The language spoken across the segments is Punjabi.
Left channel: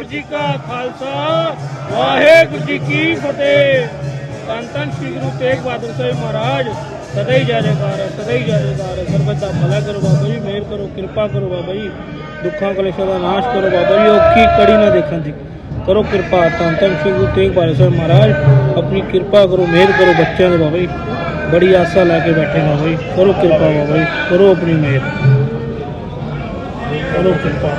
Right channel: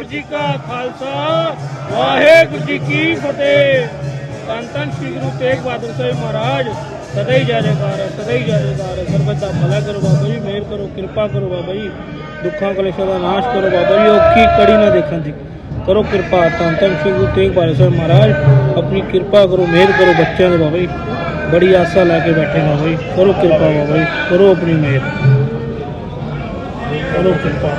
ਵਾਹਿਗੁਰੂ ਜੀ ਕਾ ਖਾਲਸਾ, ਵਾਹਿਗੁਰੂ ਜੀ ਕੀ ਫਤਿਹ। ਧੰਨ ਧੰਨ ਸ੍ਰੀ ਗੁਰੂ ਤੇਗ ਬਹਾਦਰ ਸਾਹਿਬ ਮਹਾਰਾਜ, ਸਦਾ ਹੀ ਜੈ ਸਦਾ ਹੀ ਜੈ ਜੈਕਾਰ ਦਾ ਭਲਾ ਕਰੋ ਬਾਬਾ ਜੀ, ਮਿਹਰ ਕਰੋ, ਕਿਰਪਾ ਕਰੋ ਬਾਬਾ ਜੀ। ਦੁੱਖਾਂ ਕਲੇਸ਼ਾਂ ਦਾ ਨਾਸ਼ ਕਰੋ ਬਾਬਾ ਜੀ, ਔਖੀ ਕੜੀ ਨਾ ਦੇਖਣ ਦੀ। ਕਰੋ ਕਿਰਪਾ, ਧੰਨ ਧੰਨ ਸ੍ਰੀ ਗੁਰੂ ਤੇਗ ਬਹਾਦਰ ਸਾਹਿਬ ਮਹਾਰਾਜ। ਆਪਣੀ ਕਿਰਪਾ ਕਰੋ, ਮਿਹਰ ਕਰੋ ਬੱਚਿਆਂ ਦੇ ਬਾਬਾ ਜੀ। ਬੜੀ ਆਸਾ ਲੈ ਕੇ ਬੈਠੇ ਬਾਬਾ ਜੀ। ਕਰੋ ਕਿਰਪਾ ਬਾਬਾ ਜੀ, ਕਰੋ ਆਪਣੀ ਮਿਹਰ। ਕਰੋ ਕਿਰਪਾ।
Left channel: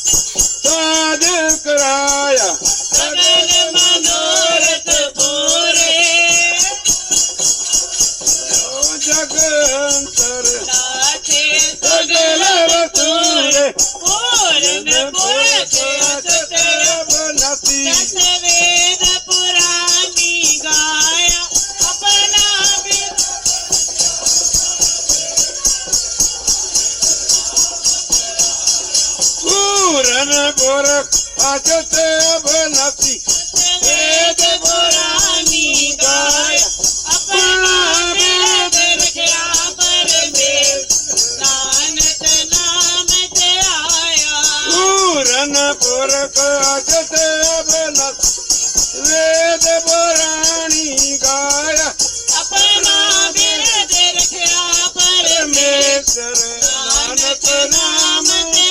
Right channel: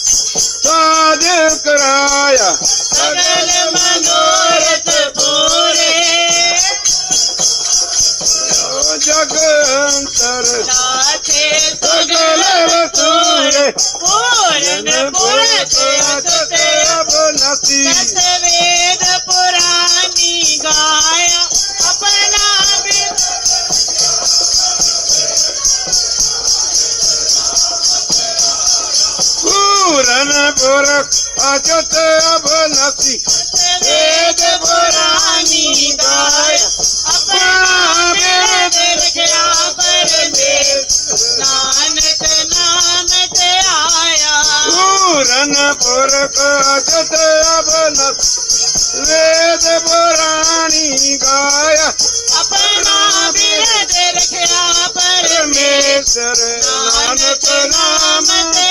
رن پورک اڄ اوني ويد پراڻي گايا. ديا پر تي آيا. رن پورڪ اڄ اوني ويد پراڻي گايا. نانڪ ۾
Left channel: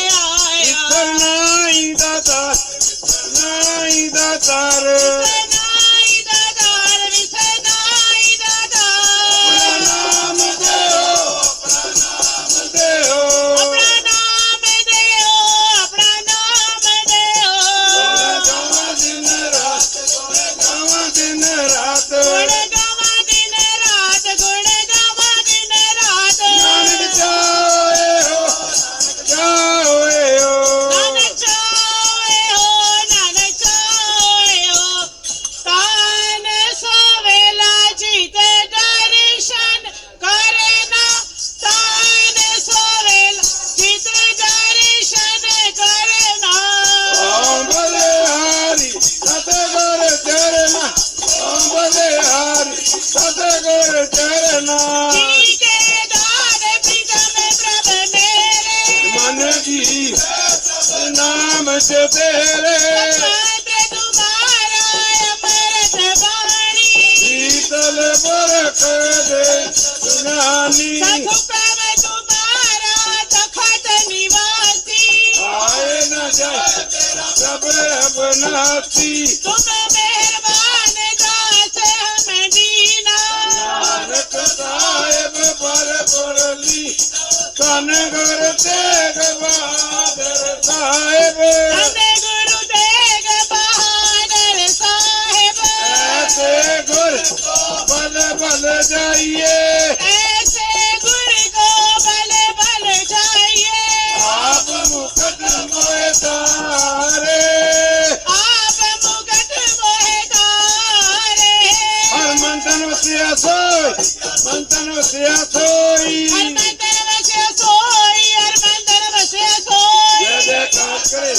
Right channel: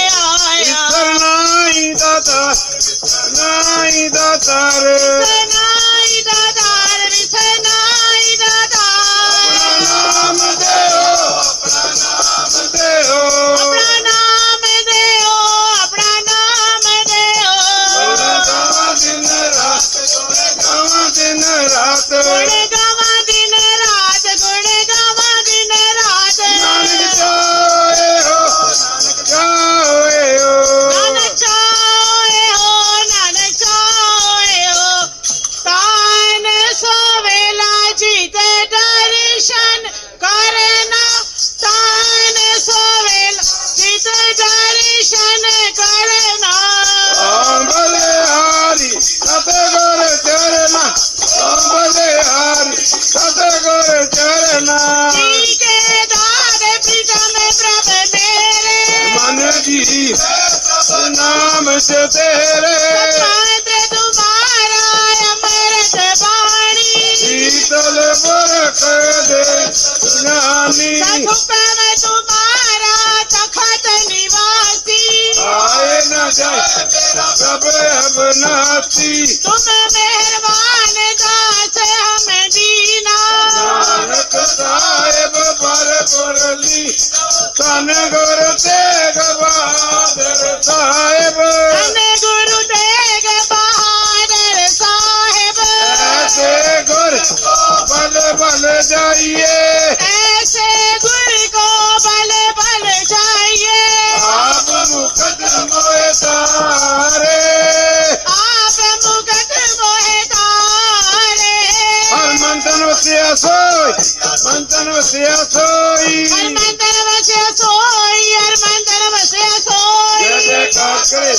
तारे ਨਾਮ ਸੇ ਤੇਰੇ ਪਾਤਰ ਤੁਮਾਰਾ ਅਮਰਤ ਬਾਣੀ। ਸ਼ੀਤਲ ਬਰਖ ਦੇ ਸੁਨਾਨੀ ਸਖੁਕਮ ਤੁਮਾਰਾ ਤਖਤ ਨਿਵਾਸੀ। ਆਏ ਨਾ ਜਾਏ ਪ੍ਰਭ ਅਬਨਾਤੀ ਤੁਮ ਮਿਹਰਬਾਨ ਦਾਸ ਹਮੇ ਦੀਨਾ ਨਾਨਕ ਸਾਹਿਬ ਪਰ ਪੁਰਲੀ ਤਨ ਗੁਰ Tegh Bahadur Sahib. vale, ya. Ese cuerpo vale, vale, ah, vamos, que. Ah, vamos, que. Al manto no al manto no ਕਰੇ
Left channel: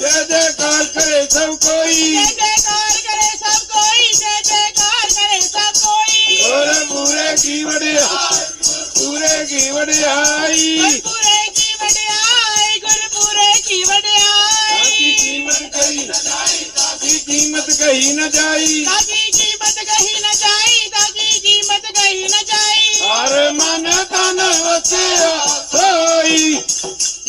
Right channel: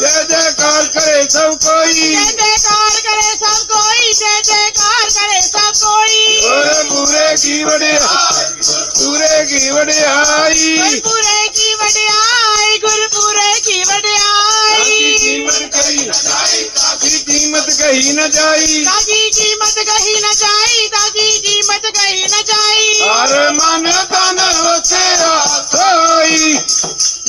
ਜੈ ਜੈਕਾਰ ਕਰੇ ਸਭ ਕੋਈ। ਕਰੇ ਸਭ ਕੋਈ ਜੈ ਜੈਕਾਰ ਕਰੇ ਸਭ ਕੋਈ। ਪੂਰੇ ਪੂਰੇ ਵਡਿਆਈ। ਗੁਰਪੁਰੇ ਕੀ ਵਡਿਆਈ ਗੁਰਪੁਰੇ ਕੀ ਸਾਡੀ ਵਡਿਆਈ ਜੀਵਨ ਕਰੀ ਸਾਡੀ ਕਹੀ ਨ ਜਾਈ। ਤਾਜੀ ਕੀਮਤ ਕਹੀ ਨਾ ਜਾਈ ਤਾਜੀ ਕੀਮਤ ਕਹੀ ਨਾ ਜਾਈ। ਕਰੇ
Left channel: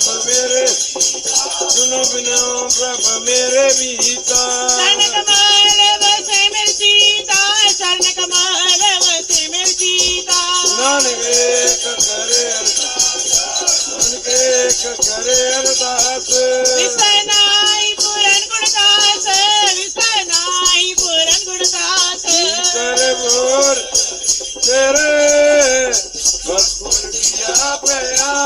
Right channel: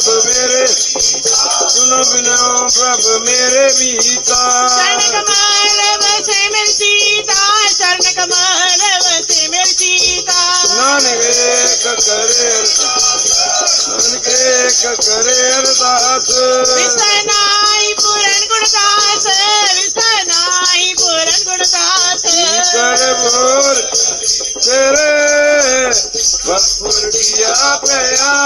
ਪ੍ਰਭ ਮੇਰੇ ਸੁਨੋ ਬਿਨੋ ਪ੍ਰਭ ਮੇਰੇ ਮੀਤਾ ਚਰਨ ਕਮਲ ਵਸੇ ਮਿਲਸੀਤਾ ਚਰਨ ਕਮਲ ਵਸੇ ਮਿਲਸੀਤਾ ਨਾਨਕ ਏਕ ਕਰੇ ਨਾਨਕ ਏਕ ਕਰੇ ਅਰਦਾਸ। ਵਿਸਨਾਈ ਪੂਰਨ ਗੁਰਦਾਸ ਵਿਸਨਾਈ ਪੂਰਨ ਗੁਰਦਾਸ। ਕਰ ਬੋਰ ਤੇਰੇ ਵਸਪੁਰ ਕੀਆ ਪਿਆਨ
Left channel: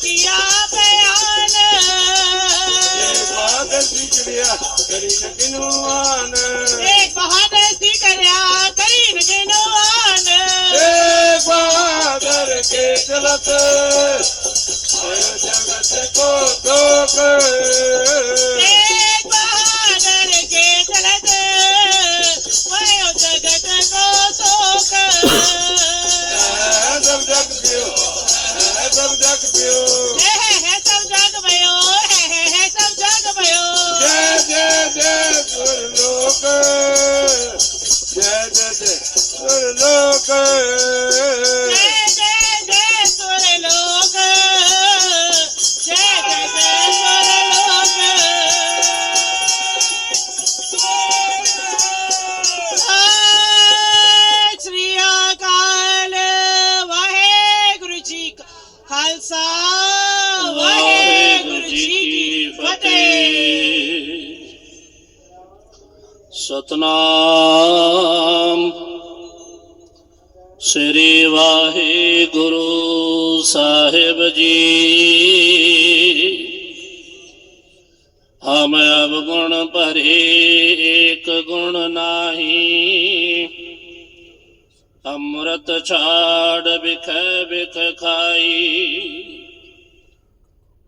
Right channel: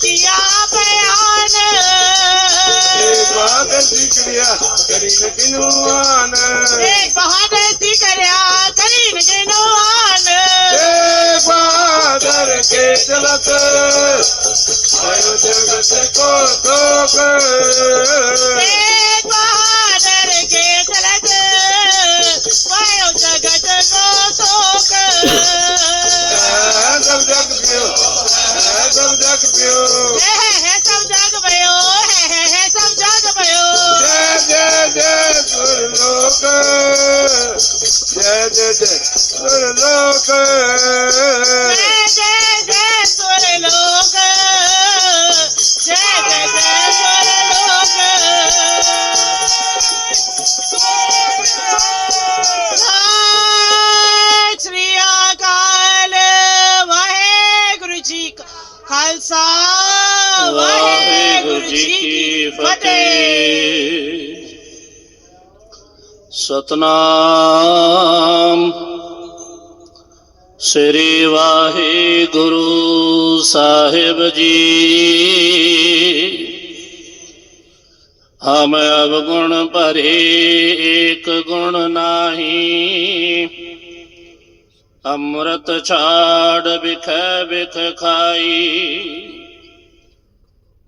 ਪ੍ਰਾਪਰ ਕੀਆ ਪਿਆਨ ਏ ਬਾਦਲ ਦੀ ਕਿਰਿਆ ਕਰੀ ਨ ਕਿਨੂਆਨ ਏ ਬਹਾਦਰ ਸੀ ਕਰਿਆ ਕਰੀਨ ਜਨਵਾਨ ਏ ਬਾਦਰ ਕੇ ਚਲਤ ਸਭ ਜਗਤ ਕੋ ਦੋਖ ਏ ਬਹਾਦਰ ਕੇ ਚਲਤ ਵਾਯੋ ਜਗਤ ਕੋ ਸੋਖ ਸਭ ਜਗ ਪਿਓ ਸਭ ਜਗ ਪਿਓ ਹੈ ਹੈ ਸਭ ਜਗ ਭਇਓ ਹੈ ਹੈ ਹੈ ਸਭ ਜਗ ਭਇਓ ਜੈ ਜੈ ਜੈ ਸੁਰ ਲੋਕ ਜੈ ਜੈ ਜੈ ਸੁਰ ਸਤਨਾਮ। ਸ੍ਰੀ ਵਾਹਿਗੁਰੂ ਸਾਹਿਬ ਜੀ। ਹਮ ਅਵਗੁਣ ਭਰੇ ਏਕ ਗੁਣ ਨਾਹੀ। ਅੰਮ੍ਰਿਤ ਛਾੜ ਬਿਖੈ ਬਿਖ ਖਾਈ।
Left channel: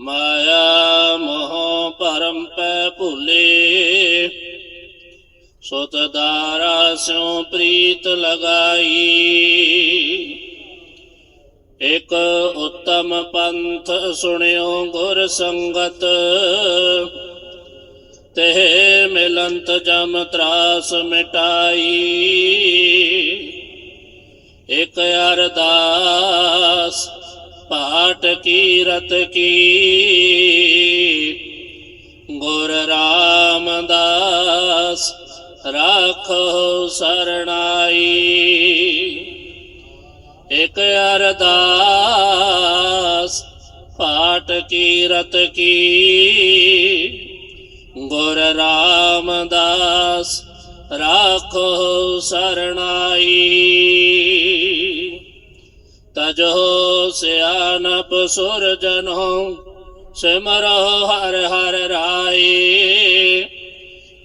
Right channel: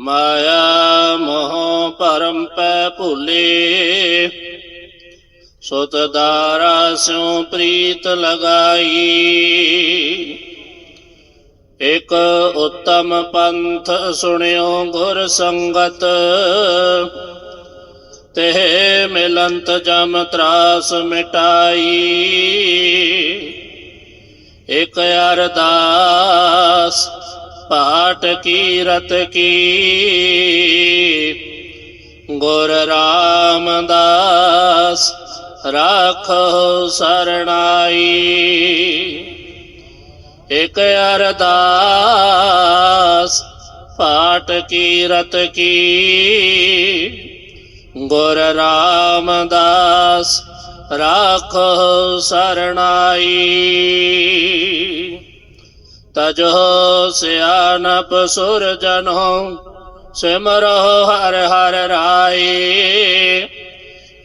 ਮਾਇਆ ਮੋਹ ਪਰਮ ਪੈ ਭੁਲੇ। ਸੁਤ ਦਾਰਾ ਸਿਉ ਪ੍ਰੀਤ ਲਗਾਈ ਇਕ ਉਤਮ ਪੰਥ ਸੁਣਿਓ ਗੁਰ ਸੰਗਤ ਤੇ ਮਿਲੰਤ ਜਮ ਤਰਾਸ ਮਿਟਾਈ ਇਕ ਅਰਦਾਸ ਪਾਠ ਕੀਰਤ ਕੀ ਗੁਰ ਰਾਮਦਾਸ ਰਾਖੋ ਸਰਣਾਈ। ਇਕ ਅਰਦਾਸ, ਪਾਠ ਕੀਰਤ ਕੀ। ਗੁਰ ਰਾਮਦਾਸ, ਰਾਖੋ ਸਰਣਾਈ। ਤਜੋ ਸਿਆਨਪ ਸੁਰ ਜਨੋ ਸਿਮਰੋ ਹਰ ਹਰ ਰਾਏ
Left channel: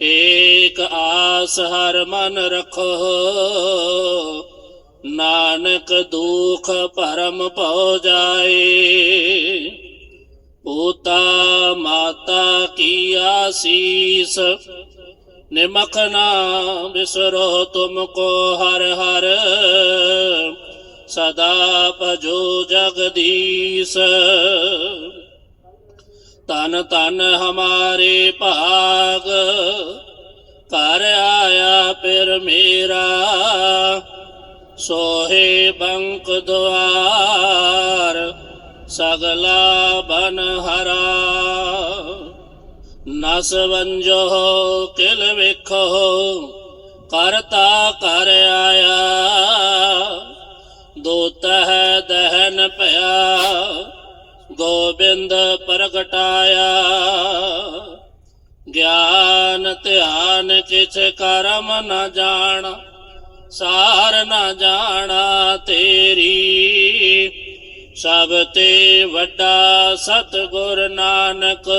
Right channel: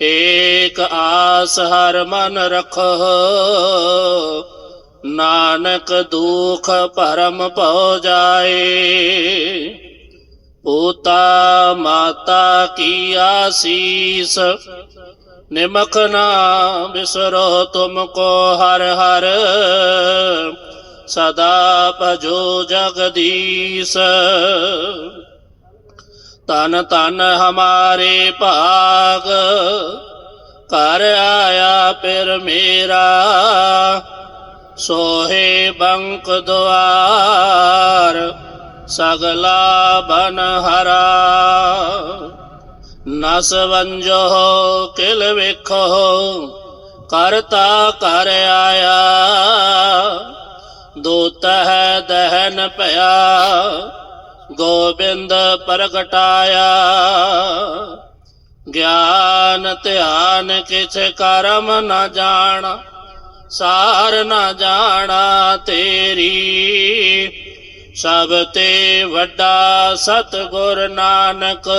ਏਕ ਆਸ ਹਰ ਮਨ ਰਖੋ ਨਾਨਕ ਦੁਖ ਪਰਮ ਪਉ ਜਾਏ। ਪੋਤਾ ਮਾਤਾ ਕੀ ਆਸੀਸ ਨਿਮਕ ਨਾ ਬਿਸਰੋ ਤੁਮ ਕੋ ਹਰ ਹਰ। ਸਦਾ ਭਜੋ ਜਗਦੀਸ਼। ਤਨ ਤਨ ਹਮਾਰੇ ਭਾਗ ਕਰ ਆਇਆ ਫਿਰ ਮੇਰਾ, ਸੋਹੇ ਬੰਕ ਦੁਆਰ, ਸਗਲਾ ਬਨ ਹਰਾ। ਨਸ ਵੰਜੋ ਕਿਲ ਵੇਖੋ, ਕਰਤਾ ਕਰ ਆਇਆ। ਦੂਤ ਹੈ ਦਹਨ ਭਇਆ ਗੋਬਿੰਦ ਪ੍ਰਗਟਾਇਆ। ਗਿਆਨ ਧਿਆਨ ਕਿਛ ਕਰਮ ਨਾ ਜਾਣ, ਸਾਰ ਨਾ ਜਾਣਾ ਤੇਰੀ। ਸਭ ਤੇ ਵੱਡਾ ਸਤਿਗੁਰ ਨਾਨਕ,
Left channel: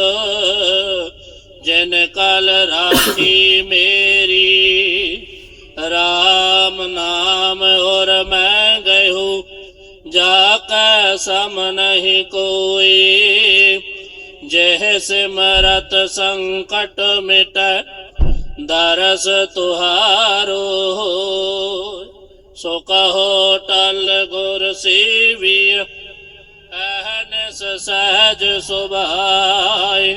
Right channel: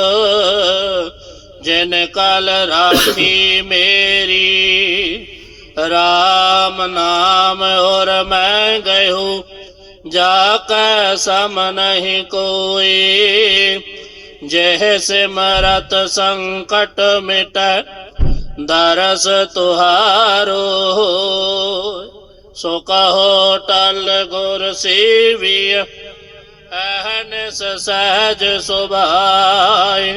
ਜਿਨ ਕਲ ਰਾਖੀ ਮੇਰੀ। RAM ਨਾਮ ਔਰ ਮੈਂ ਗਇਓ ਜਾ ਕੈ ਸਮ ਨਹੀਂ ਕੋਈ ਜਹ ਸਿਮਰਤ ਸੰਕਟ ਮਿਟੈ ਦਰਸ ਤੁਹਾਰੋ ਸੋ ਕਹੋ ਟਲ ਗੁਰ ਸੇਵੀਆ ਅਹਨਸ ਸਹਜ ਸੁਭਾਏ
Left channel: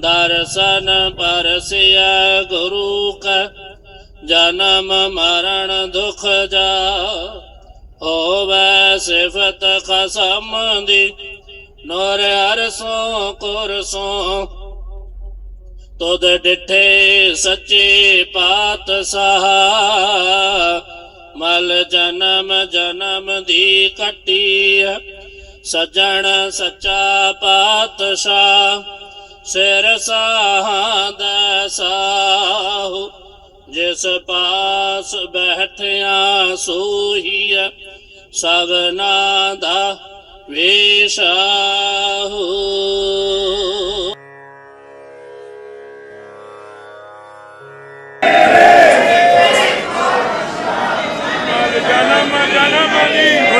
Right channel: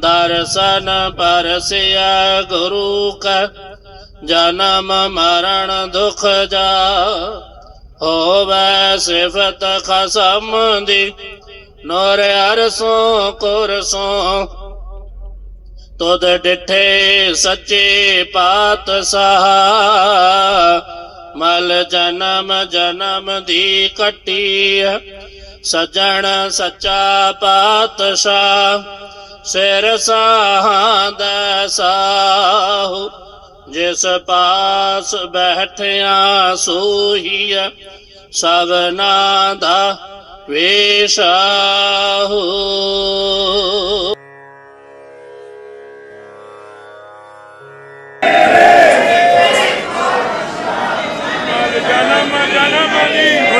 ਦਰਸ਼ਨ ਪਰਸਿਆ ਗੁਰੂ ਕਾ ਜਨਮ ਮਰਨ ਦੁਖ ਜਾ ਹੋਵੇ ਸਿਫਤ ਖਸਮ ਦੀ, ਨੋਰ ਅਰਸੋਂ ਕੁਰਸੋਂ। ਤੁਧ ਡਿਠੇ ਸੱਚੇ ਪਾਤਸ਼ਾਹ, ਮਲ ਜਨਮ ਜਨਮ ਦੀ ਕੱਟੀ ਸਜਣ ਸੱਚਾ ਪਾਤਸ਼ਾਹ, ਸਿਰ ਸਾਹਾਂ ਸਾਹ। ਜਿਸ ਪਾਸ ਬੈਠਿਆ ਸੋਈ ਸਗਨਾ ਦਾ ਵੇਸ਼ਾਹੂ ਜਨਮ ਜਨਮ ਦੀ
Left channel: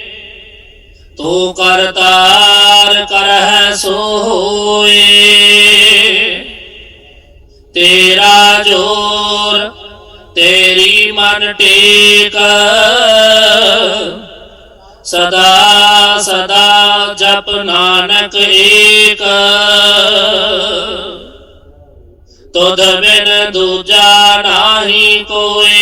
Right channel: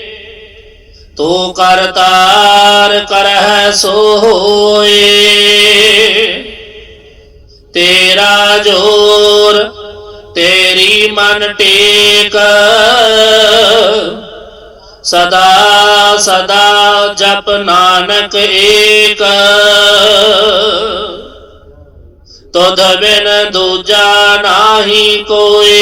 ਤੂੰ ਕਰਤਾਰ ਕਰਹਿ ਸੋਏ ਤੇਰਾ ਜੋਰ ਤੇਰੀ ਮਨ ਟੇਕ। ਸਦਾ ਸਦਾ ਜਪ ਨਾਨਕ ਏਕ। ਤੁਧ ਬਿਨ ਦੂਜਾ ਨਾਹੀ ਕੋਈ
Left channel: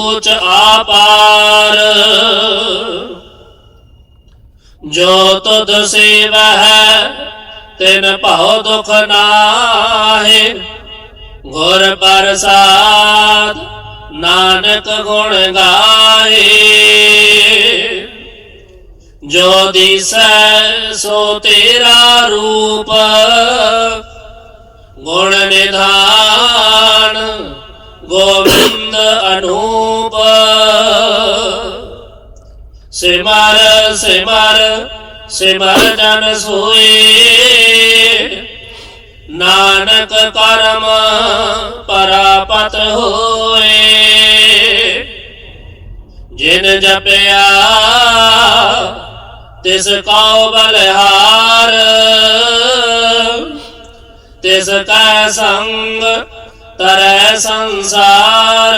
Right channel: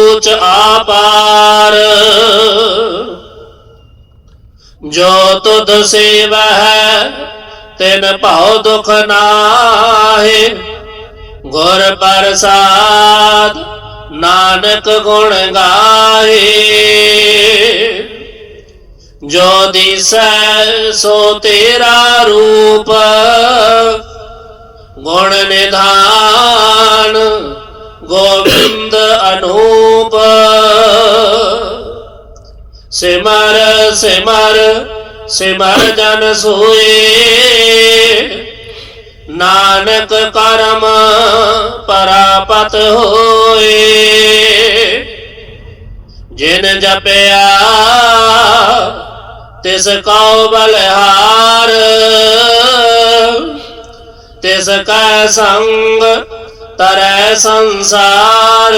ਊਚ ਆਪਾਰ। ਜੋ ਤੁਧ ਸੇਵਹਿ, ਤਿਨ ਭਉ ਦੁਖ ਨਾਹੇ। ਗੁਰ ਪ੍ਰਸਾਦ, ਨਾਨਕ ਗੁਣ ਗਾਏ ਜੋ ਦਿਸੈ, ਸੋ ਤੇਰਾ ਰੂਪ। ਗੁਣ ਨਿਧਾਨ, ਗੋਬਿੰਦ ਅਨੂਪ ਸਿਮਰ ਸਿਮਰ ਜਨ ਸੋਏ। ਨਾਨਕ ਕਰਮ ਪਰਾਪਤ ਹੋਏ। ਜਿਨ ਜਪਿਆ, ਤਿਸ ਕਉ ਬਲਿਹਾਰ। ਤਿਸ ਕੈ ਸੰਗ ਤਰੈ ਸੰਸਾਰ।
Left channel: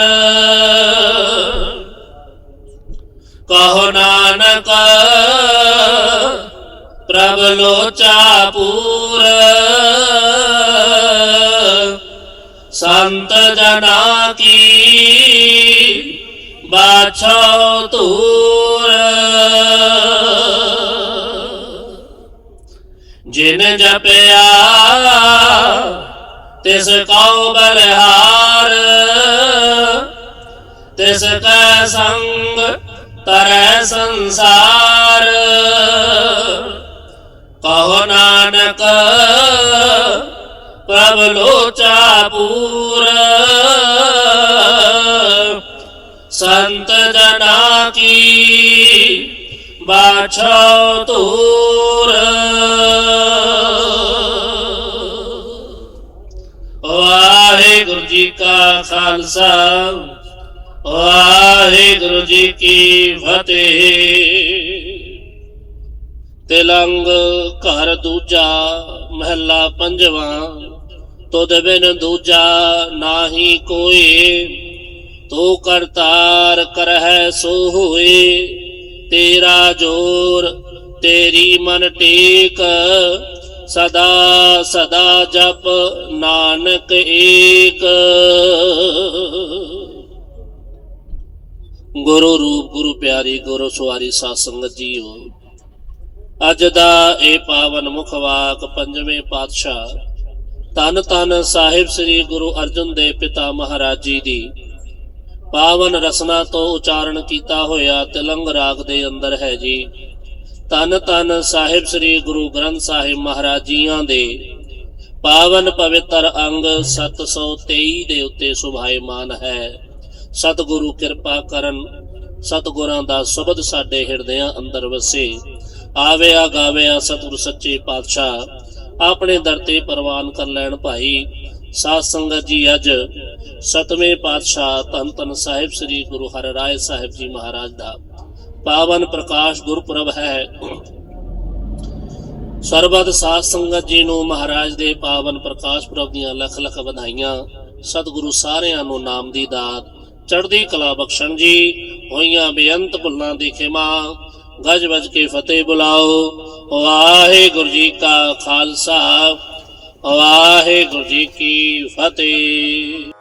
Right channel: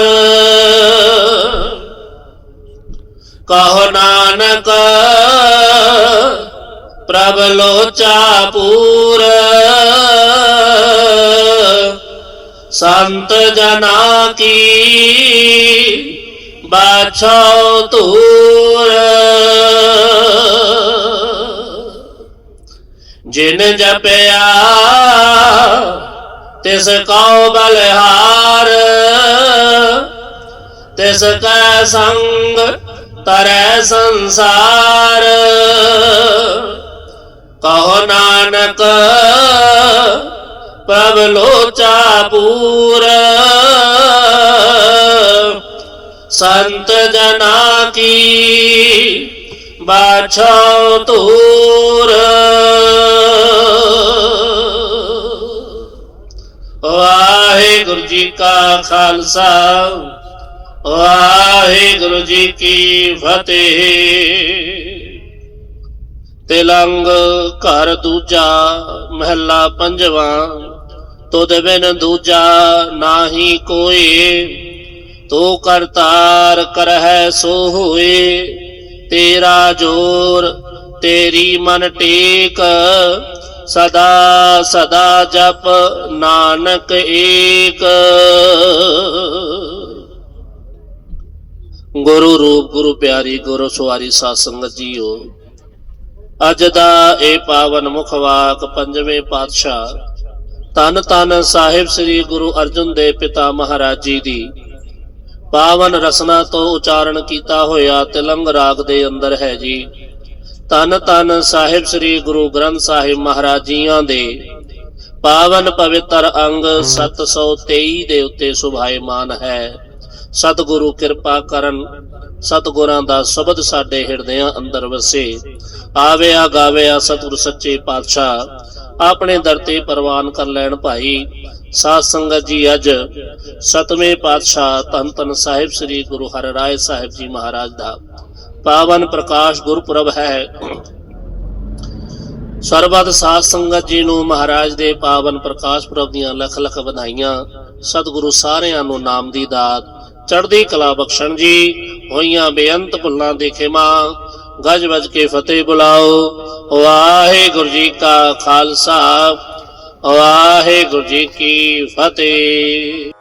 ਕਹੋ ਨਾਨਕ, ਪ੍ਰਭ ਲੋਚਾ ਪੂਰ। ਸੰਤ ਜਨਾ ਕੀ ਬਾਛੋ ਤੂਰ ਜਿਨ ਜਪਿਆ, ਤਿਸ ਕਉ ਬਲਿਹਾਰ। ਤਿਸ ਕੈ ਸੰਗ ਤਰੈ ਸੰਸਾਰ। ਕਹੋ ਨਾਨਕ, ਪ੍ਰਭ ਲੋਚਾ ਪੂਰ। ਸੰਤ ਜਨਾ ਕੀ ਬਾਛੋ ਤੂਰ ਵਾਹਿਗੁਰੂ ਜੀ ਕਾ ਖਾਲਸਾ ਵਾਹਿਗੁਰੂ ਵਾਹਿਗੁਰੂ ਜੀ ਕੀ ਫਤਿਹ। ਤਿਲੰਗ ਘਰ ਦੂਜਾ ਮਹਿਲਾ ਪੰਜਵਾ, ਤੁਧ ਬਿਨ ਦੂਜਾ ਨਾਹੀ ਕੋਈ ਤੂੰ ਕਰਤਾਰ ਕਰਹਿ ਸੋ ਹੋਏ, ਤੇਰਾ ਜੋਰ ਤੇਰੀ ਮਨ ਟੇਕ। ਸਦਾ ਸਦਾ ਜਪ ਨਾਨਕ ਏਕ। ਗੁਰੂ ਰੂਪ, ਗੁਰੂ ਪਿਆਰੀ, ਗੁਰੂ ਸਵਾਰੀ ਸਾਧ ਸੰਗਤ ਜੀਓ ਅੱਜ ਦਾ ਇਹ ਪਾਵਨ ਮੁਖ ਵਾਕ ਪੰਜਵੇਂ ਪਾਤਸ਼ਾਹ ਤਨ ਤਨ ਸਾਹਿਬ ਸ੍ਰੀ ਗੁਰੂ ਅਰਜਨ ਦੇਵ ਪਿਤਾ ਮਹਾਰਾਜ ਜੀ ਦੀ ਪਾਵਨ ਰਸਨਾ ਤੋਂ ਉਚਾਰਨ ਕੀਤਾ ਹੋਇਆ ਤਿਲੰਗ ਰਾਗ ਦੇ ਅੰਦਰ ਹੈ ਜੀ। ਤਨ ਤਨ ਸਾਹਿਬ ਸ੍ਰੀ ਗੁਰੂ ਗ੍ਰੰਥ ਸਾਹਿਬ ਮਹਾਰਾਜ ਜੀਆਂ ਦੇ ਪਾਵਨ ਪਵਿੱਤਰ ਅੰਗ 723 ਦੇ ਉੱਤੇ ਸੁਭਾਇਮਾਨ ਹੈ। ਸਤਿਗੁਰੂ ਕਿਰਪਾ ਕਰਨ, ਸਤਿਗੁਰਾਂ ਦਾ ਸ਼ਬਦ ਸਾਡੇ ਹਿਰਦਿਆਂ ਅੰਦਰ ਵਸੇ। ਆਵਿਆ ਗਾਵਿਆ ਸਤਿਗੁਰ ਸੱਚੇ ਪਾਤਸ਼ਾਹ, ਆਪਣੇ ਦਰ ਤੇ ਪ੍ਰਵਾਨ ਕਰ ਲੈਣ ਭਾਈ। ਸਾਧ ਸੰਗਤ ਜੀ, ਅੱਜ ਸਤਵੇਂ ਪਾਤਸ਼ਾਹ ਧੰਨ ਧੰਨ ਸਾਹਿਬ ਸ੍ਰੀ ਗੁਰੂ ਹਰਿਰਾਏ ਸਾਹਿਬ ਜੀ ਮਹਾਰਾਜ ਦਾ ਪਾਵਨ ਪ੍ਰਕਾਸ਼ ਗੁਰਪੁਰਬ ਹੈ। ਸਰਬਤ ਸਾਧ ਸੰਗਤ ਜੀ ਨੂੰ ਮਹਾਰਾਜ ਦੇ ਪਾਵਨ ਪ੍ਰਕਾਸ਼ ਪੁਰਬ ਦੀਆਂ ਲੱਖ ਲੱਖ ਵਧਾਈਆਂ। ਸਤਿਗੁਰੂ ਸਾਰਿਆਂ ਨੂੰ ਨਾਮ ਦੀ ਦਾਤ। ਚੜ੍ਹਦੀ ਕਲਾ ਬਖਸ਼ਣ ਜੀ, ਹੋਈਆਂ ਬੇਅੰਤ ਭੁੱਲਾਂ ਦੀ ਖਿਮਾ, ਗਜ ਵੱਜ ਕੇ ਫਤਿਹ ਬੁਲਾਓ। ਵਾਹਿਗੁਰੂ ਜੀ ਕਾ ਖਾਲਸਾ, ਵਾਹਿਗੁਰੂ ਜੀ ਕੀ ਫਤਿਹ।